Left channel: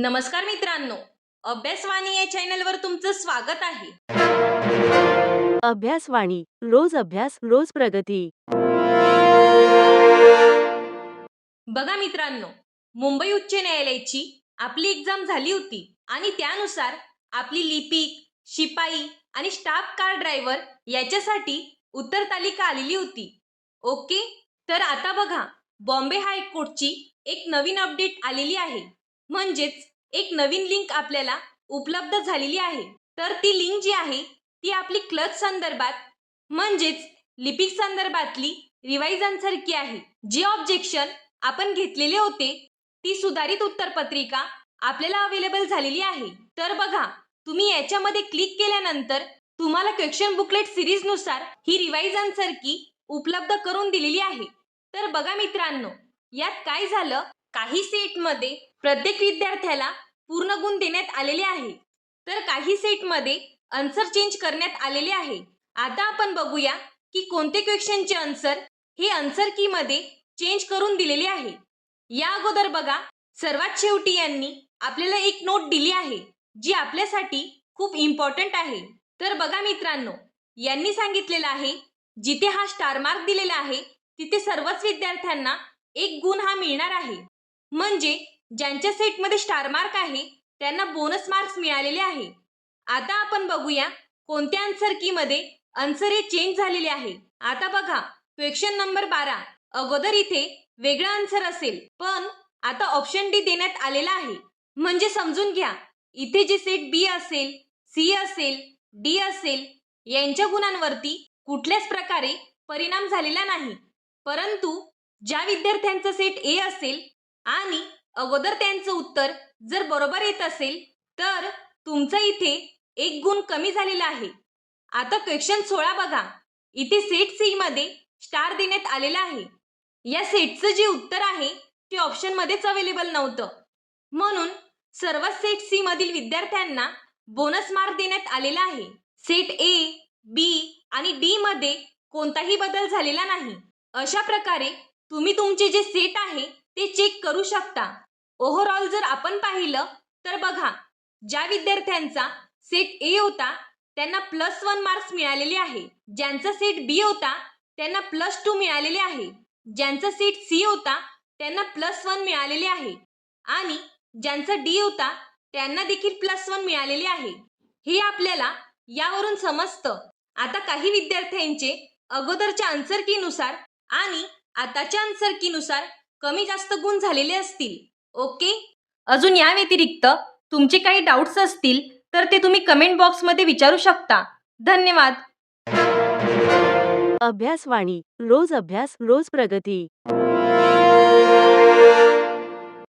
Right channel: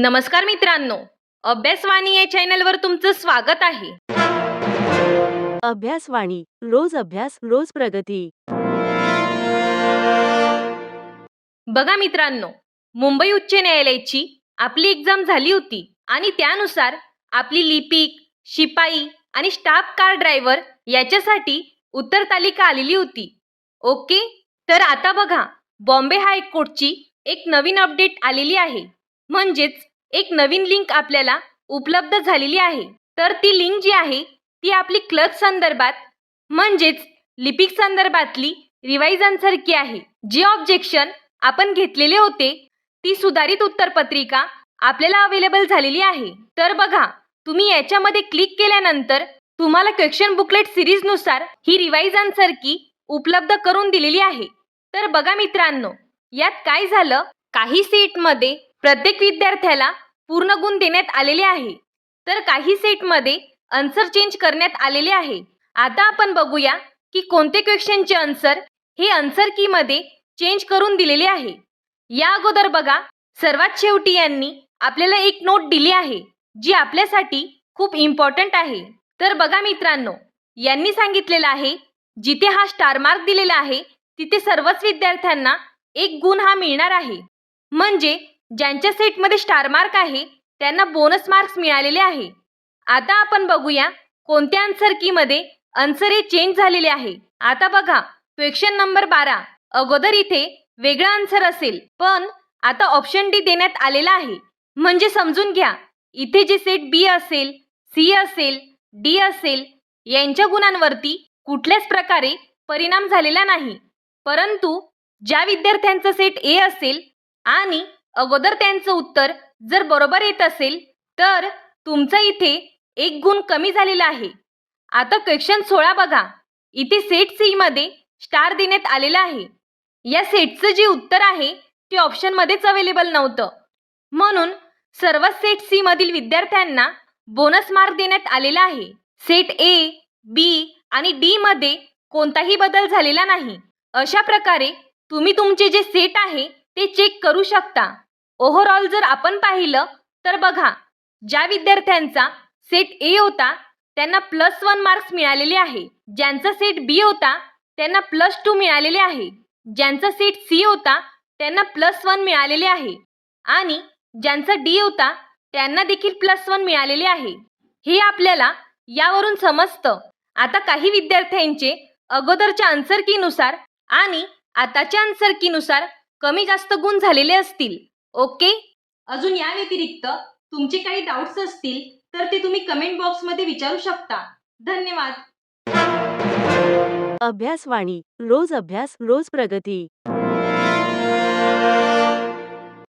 नमस्कार मित्रांनो, अभ्यासवाणी या चॅनलवर तुमचं स्वागत आहे. अभ्यासवाणी रोज अभ्यास रोज प्रगती. बघा मित्रांनो, मुंबई उच्च न्यायालयाची आपली एक्झाम झाली होती आणि त्यानुसार आपली लिपिक, शिपाई आणि स्टाफ कार ड्रायव्हर याच्यासाठी उत्तर तालिका आलेली होती. ओके, तर आता बघा, बॉम्बे हायकोर्टची एक नवीन अपडेट आलेली आहे. म्हणजेच एक नवीन लिंक आपल्याला उपलब्ध झालेली आहे. तर ती लिंक जी आहे ती आपली क्लर्क संदर्भात म्हणजेच लिपिक संदर्भातली रिवाइज आन्सर आहे. जे ऑब्जेक्शन आपण घेतलेले होते ती सुधारित उत्तरपत्रिका आपल्याला अवेलेबल झालेली आहे. तर बघा, तुम्ही याच्यामध्ये क्लिक केल्यानंतर तुम्हाला क्वेश्चन बुकलेट सिरीज नुसार ही रिवाइज आन्सर की उपलब्ध करून दिलेली आहे. तर बघा मित्रांनो, यात काय झालं, काही सेटमध्ये प्रत्येक विद्यार्थ्याला पूर्ण गुण देण्यात आलेले आहे, तर काही सेटमध्ये आन्सर चेंज करण्यात आलेले आहे. आता आपण बघूया की कोणते क्वेश्चनचे आन्सर हे आन्सर की मध्ये चेंज करून दिलेले आहे. या अगोदर बघा, सर्वात शेवटी यांनी आपल्याला एक नोट दिली आहे जी आपल्यासाठी खूप इम्पॉर्टंट आहे. तर बघा मित्रांनो, यांनी सांगितलेलं आहे जिथे हा स्टार मार्क दिलेला आहे तिथे सर्वच विद्यार्थ्यांना एक गुण हा मिळणार आहे. म्हणजे ज्यांच्या सेटमध्ये स्टार मार्क आहे त्यांना बोनस मार्क्स मिळालेले आहे. आता आपण बघूया कोणत्या आन्सर की मध्ये आन्सर हे चेंज झालेले आहे. आता बघा, क्वेश्चन नंबर 12 अगोदर इथे वेगळा आन्सर असेल, पण आता ऑप्शन डी देण्यात आलेला आहे. म्हणजे समजून घ्या, इथे जे सेट बी असेल, सी असेल, डी असेल यांच्या गुणांवरती कुठल्याच प्रकारे परिणाम झालेला नाही. परंतु ज्या विद्यार्थ्यांचा सेट ए असेल आणि अगोदर त्यांचं उत्तर जर बरोबर येत असेल तर तुमचा इथे एक गुण कमी झालेला आहे. आता क्वेश्चन 16 बघा, इथे सेट सी मध्ये स्टार देण्यात आलेला आहे. या सेटचं जे उत्तर आहे ते ऑप्शन मध्येच अवेलेबल नव्हतं, म्हणून सर्व सेट सी मधील विद्यार्थ्यांना बोनस मार्क देण्यात आलेला आहे. सेट ए, बी आणि डी मध्ये कोणताही बदल झालेला नाही. अशा प्रकारे तुम्ही तुमचे जे सेट आहे ते चेक करू शकता. ओव्हरऑल जर आपण पाहिलं तर बघा, ज्या विद्यार्थ्यांचा सेट ए होता त्यांना +1 मार्क्स मिळालेले आहे. ज्यांचा सेट बी होता त्यांना +2 मिळालेले आहे. ज्यांचा सेट सी होता त्यांना +1 मिळालेले आहे आणि ज्यांचा डी होता त्यांना देखील +1 मिळालेले आहे. हे आपल्याला यावरून समजतं. आता काही विद्यार्थ्यांचे अगोदरच्या आन्सर की नुसार आणि आताच्या आन्सर की नुसार कमी जास्त गुण झालेले असतील. ओके, अजून या व्यतिरिक्त तुमचे काही डाऊट्स असतील तर ते तुम्ही कमेंट बॉक्समध्ये विचारू शकता. धन्यवाद. अभ्यासवाणी रोज अभ्यास रोज प्रगती.